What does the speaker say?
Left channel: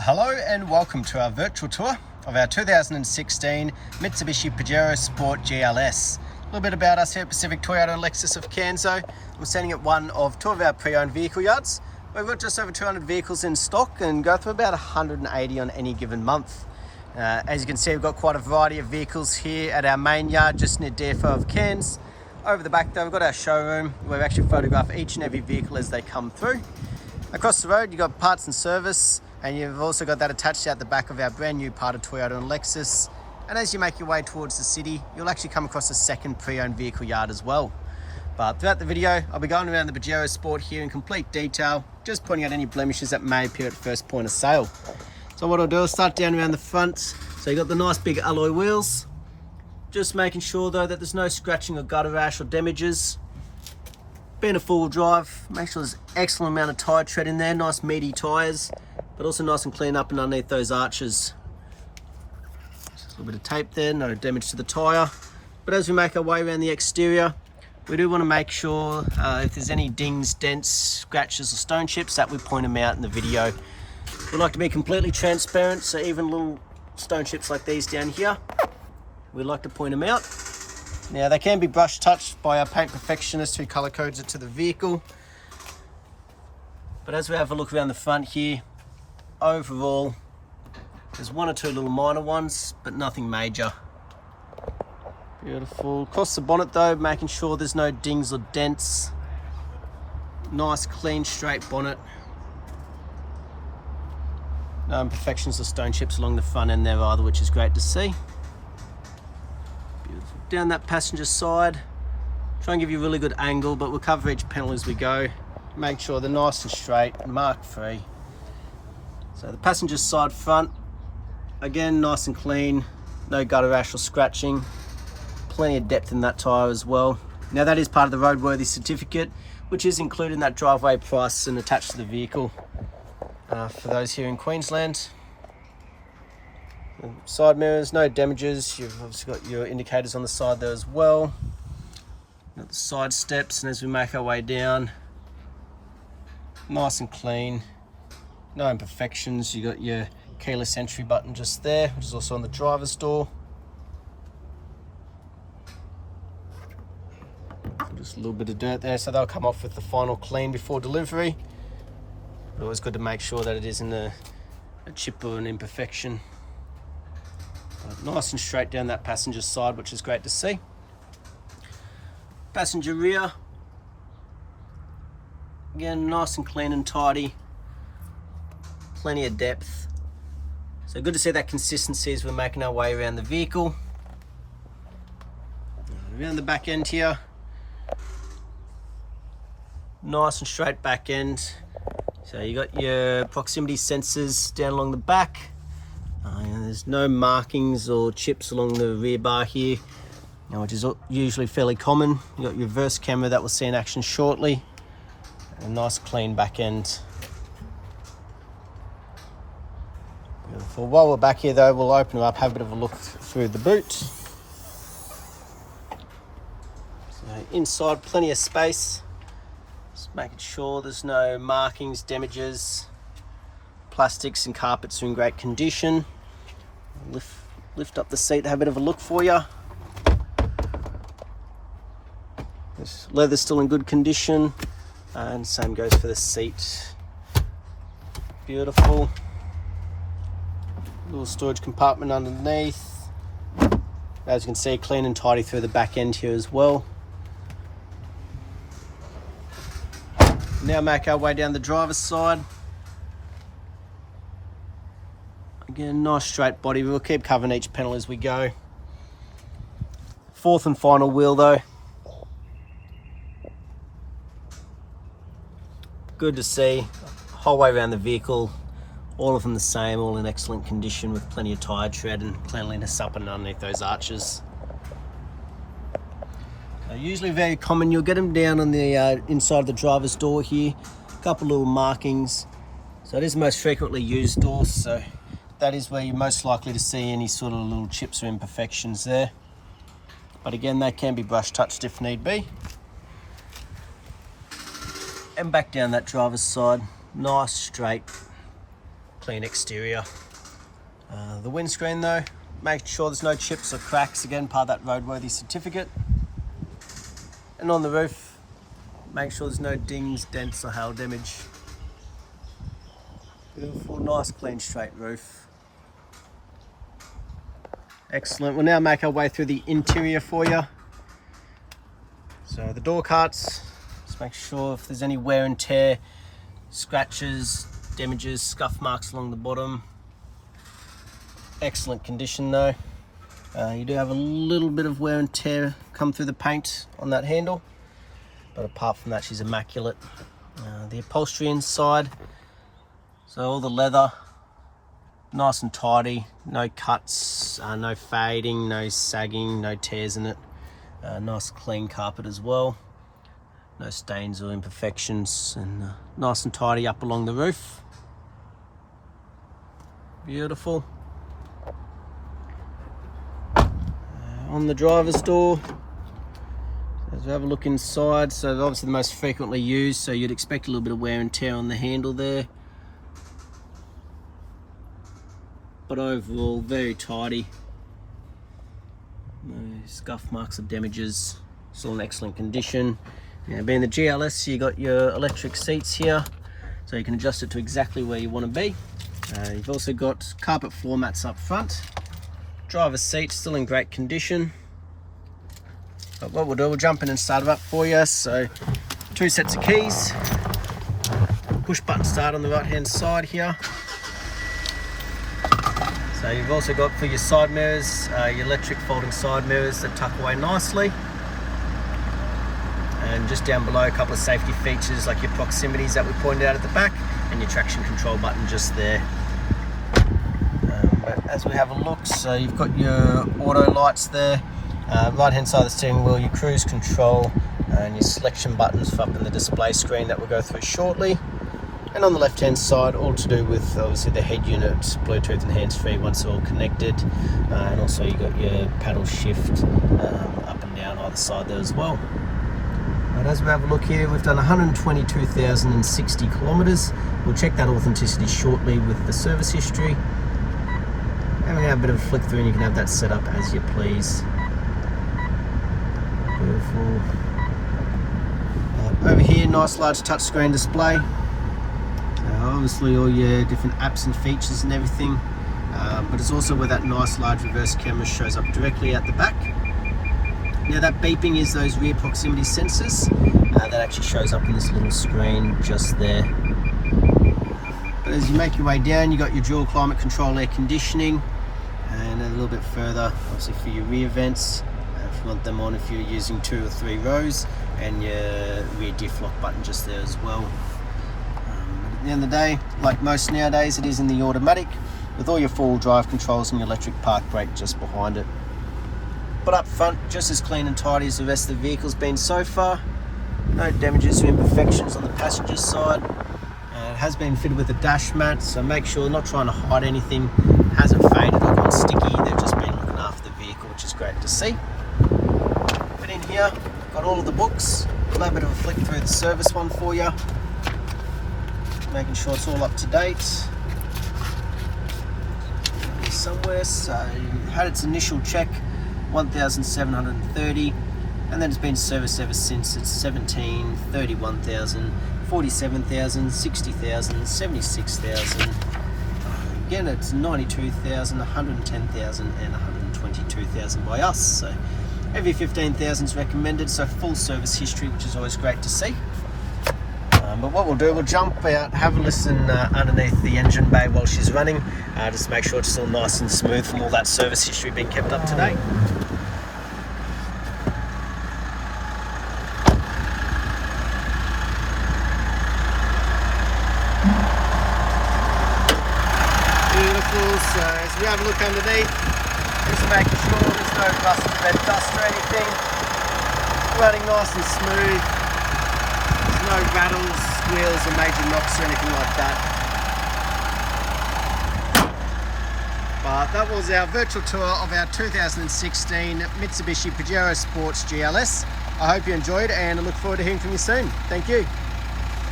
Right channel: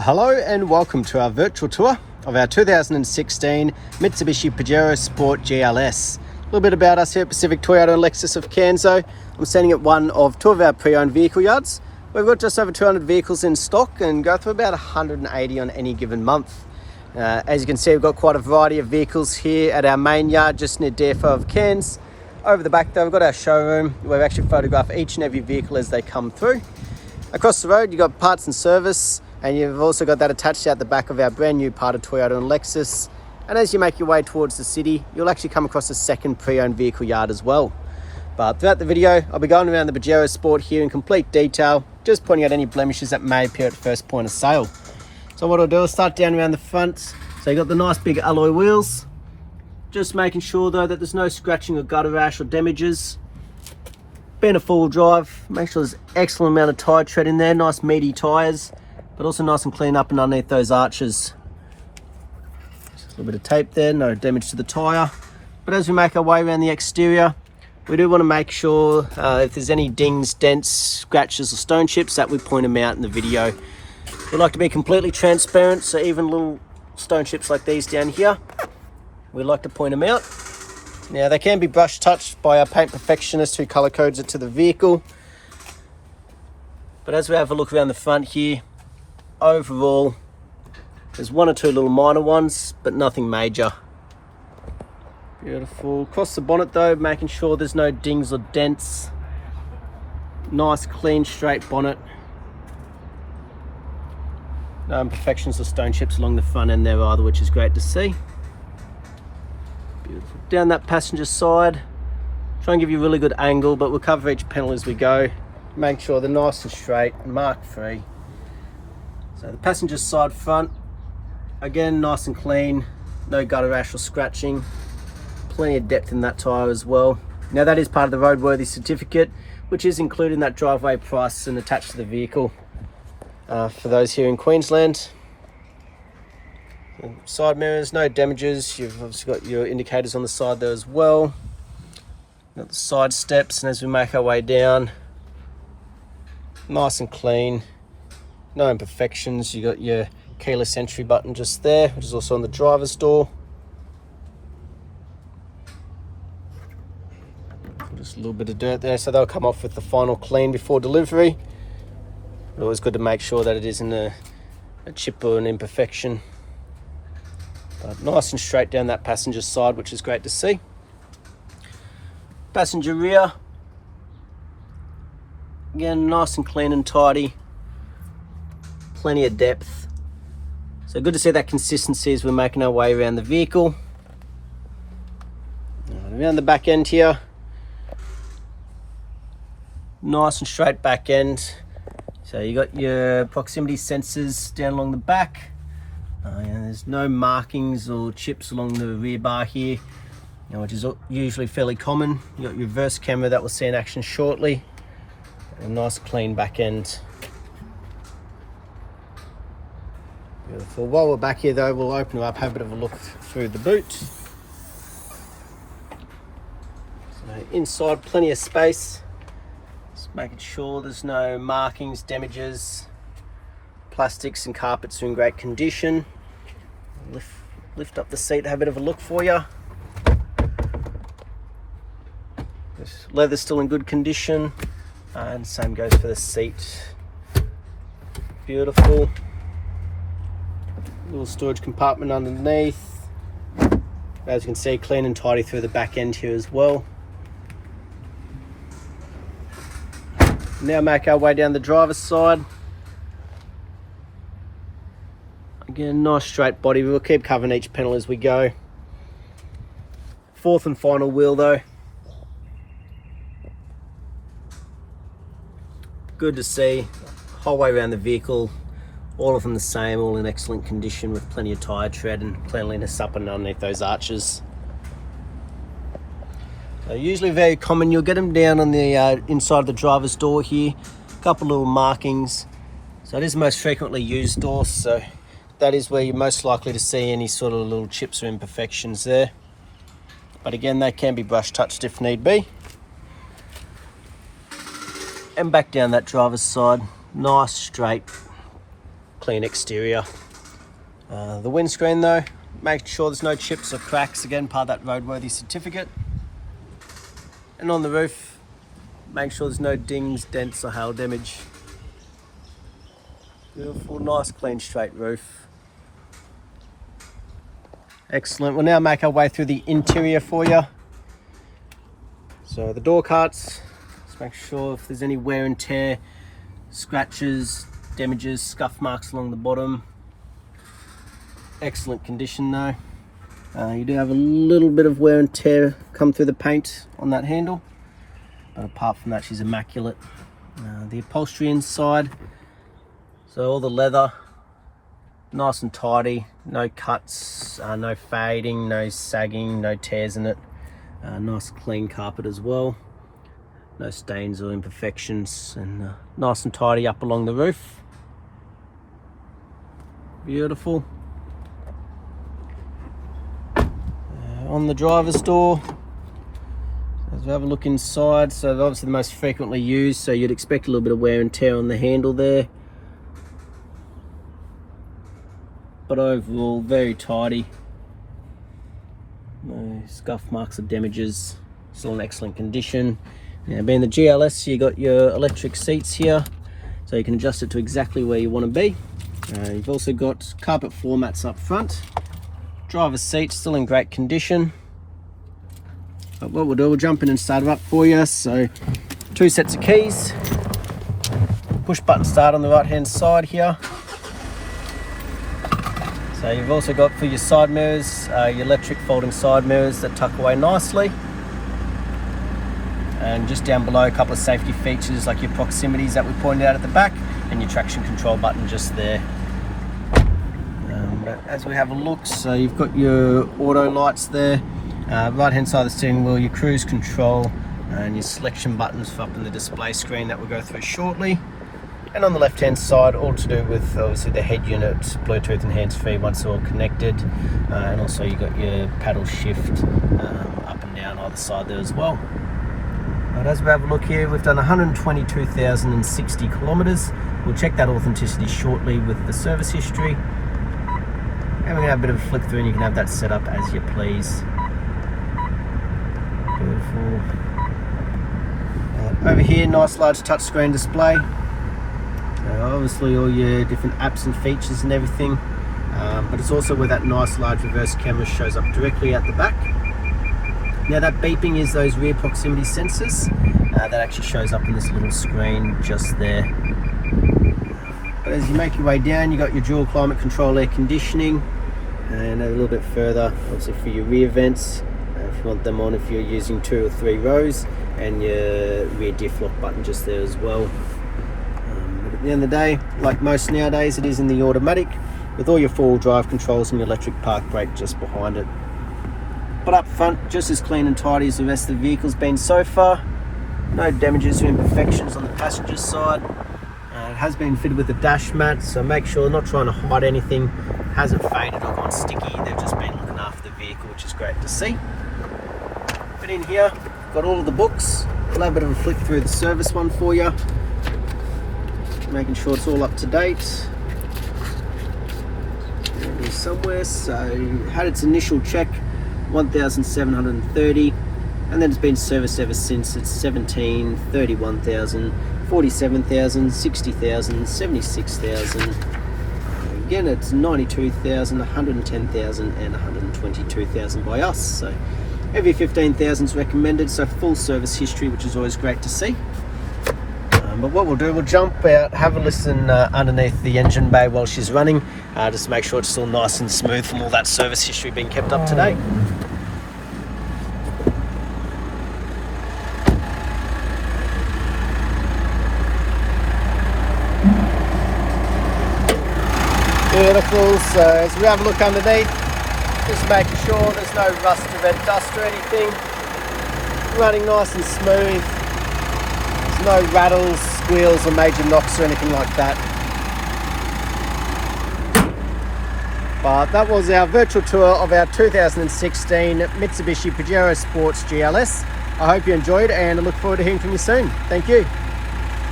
Hello and welcome to our virtual tour of our 2016 Mitsubishi Pajero Sport GLS. A little bit about us here at Pacific Toyota and Lexus of Canso. I'm standing at one of two of our pre-owned vehicle yards. We've got just over 200 vehicles in stock and go through about 180 on any given month. As you can see, we've got quite a variety of vehicles here at our main yard just near DFO of Cairns. Over the back though, we've got our showroom where we actually photograph each and every vehicle as they come through. Across the road, you've got parts and service, and you've also got that attached out the back of our brand new part of Toyota and Lexus. And as you make your way towards the city, you'll actually come across a second pre-owned vehicle yard as well. But throughout the video, I'll be going around the Pajero Sport here in complete detail, just pointing out any blemishes that may appear at first point of sale. So what I'll do is start down around the front. So you've got the nice big alloy wheels. Just making sure though that there's no scratching or gutter rash or damages. Being a four-wheel drive, make sure there's excellent amount of tyre tread in there, nice meaty tyres, but also nice and clean up and underneath those arches. Just a little bit of tape there, no damage to the tyre. But as we make our way around the exterior, we do want to make sure if there's any dings, dents, scratches or stone chips that we point them out in the video. We like to be completely transparent, so even little stone chips like these down here, we like to point them out. Now they can be brush touched by our paint perfectionist who color codes it to the vehicle. But as we have a look around the front here, overall there's one or two little minor ones, but nothing major. Beautiful. Across the bonnet though, making sure there's no dings or dents. Nice clean straight bonnet. No imperfections or stone chips along the front end there either, which is great to see. Beautiful. Down that passenger side, try and give you a really good angle, but we'll cover each panel as we go. Make sure they're nice and straight and mark free. So the passenger side front, again nice and clean, no gutter rash or scratching. Plenty of depth in that tyre as well. Now that is part of the roadworthy certificate, which is included in that driveway price and attached to the vehicle for those here in Queensland. Side mirrors, no damages. You've obviously got your indicators on the side there as well. Got the side steps, and as we make our way down, nice and clean, no imperfections. You got your keyless entry button just there, which is also on the driver's door. Just a little bit of dirt there, so they'll come off with the final clean before delivery. But always good to make sure that it isn't a chip or an imperfection. But nice and straight down that passenger side, which is great to see. Passenger rear, again nice and clean and tidy, plenty of depth. So good to see that consistency as we're making our way around the vehicle. Around the back end here, nice and straight back end. So you got your proximity sensors down along the back. There's no markings or chips along the rear bar here, which is usually fairly common. You got your reverse camera that we'll see in action shortly. And a nice clean back end. Beautiful. While we're back here though, we'll open it up, have a bit of a look through the boot. So inside, plenty of space. Just making sure there's no markings, damages. Plastics and carpets are in great condition. Lift up the seat, have a bit of a look for you. This leather's still in good condition, and same goes for the seat. Beautiful. Little storage compartment underneath. As you can see, clean and tidy through the back end here as well. Now make our way down the driver's side. Again, nice straight body. We'll keep covering each panel as we go. Fourth and final wheel though. Good to see. Whole way around the vehicle, all of them the same, all in excellent condition with plenty of tyre tread and cleanliness up and underneath those arches. So usually very common, you'll get them down on the inside of the driver's door here. A couple little markings. So it is the most frequently used door, so that is where you're most likely to see any sort of little chips or imperfections there. But again, they can be brush touched if need be. And back down that driver's side, nice straight clean exterior. The windscreen though, make sure there's no chips or cracks, again part of that roadworthy certificate. And on the roof, make sure there's no dings, dents or hail damage. Beautiful, nice clean straight roof. Excellent. We'll now make our way through the interior for you. So the door cuts, just make sure if there's any wear and tear, scratches, damages, scuff marks along the bottom. Excellent condition though. You do have a little bit of wear and tear come through the paint on that handle, but apart from that she's immaculate. The upholstery inside, so all the leather nice and tidy, no cuts, no fading, no sagging, no tears in it. Nice clean carpet as well, no stains or imperfections, and nice and tidy up along the roof. Beautiful. On the driver's door, as we have a look inside, so obviously the most frequently used, so you'd expect a little bit of wear and tear on the handle there, but overall very tidy. No scuff marks or damages, still in excellent condition. Now being the GLS, you got your electric seats here, so you can adjust it to exactly where you want to be. You've also got carpet floor mats up front. Driver's seat still in great condition. But what we'll do, we'll jump in and start it up for you. So 2 sets of keys, push button start on the right hand side here. So you've also got for your side mirrors, your electric folding side mirrors that tuck away nicely. And just down below, a couple of safety features like your proximities that we pointed out at the back, and your traction control button just there. As we have a look, so you've got your auto lights there, right hand side of the steering wheel, your cruise control and your selection buttons for up in the display screen that we'll go through shortly. And on the left hand side, all to do with obviously the head unit, Bluetooth and hands-free once they're all connected, and also you got your paddle shift up and down either side there as well. But as we have a look here, we've done 122,060 kilometers. We'll check that authenticity shortly with the service history. And we're going to have a bit of a flick through and you can have that set up as you please. Beautiful. Over here, nice large touchscreen display. Obviously all your different apps and features and everything. But it's also where that nice large reverse camera shows up directly at the back. Now that beeping is those rear proximity sensors. That actually shows up in this little screen just there. But as you make your way down, you got your dual climate control air conditioning. And a little bit further, obviously for your rear vents, if you want them on, if you're using 2 or 3 rows, and your rear diff lock button just there as well. But at the end of the day, like most nowadays, it is in the automatic with all your 4-wheel drive controls and your electric park brake just behind it. But up front, just as clean and tidy as the rest of the vehicle's been so far. No damages or imperfections on the passenger side. It has been fitted with a dash mat, so make sure, not trying to hide anything, hasn't faded or gone sticky. They've just been looking after the vehicle, which is great to see. But in here, got all of the books. I'll have a bit of a flick through the service one for you, making sure it's all up to date. Here somewhere, so had its initial check, 1,730, and then it's been serviced ever since. It's 17, 31,000, 47,000, 60,000, 76,000. Again, it's 92,000, 110,000, and 122,000 by us. So every 15,000 is recommended. So full service history, which is always great to see. But what we'll do, we'll jump out, have a listen underneath the engine bay while she's running, just to make sure it's still nice and smooth for all that service history being kept up to date. Beautiful. So as we have a look underneath, just making sure there's no rust or red dust or anything. Running nice and smooth. There's no rattles, squeals or major knocks or anything like that. But that was our virtual tour of our 2016 Mitsubishi Pajero Sports GLS. I hope you enjoyed and I look forward to hearing from you soon. Thank you.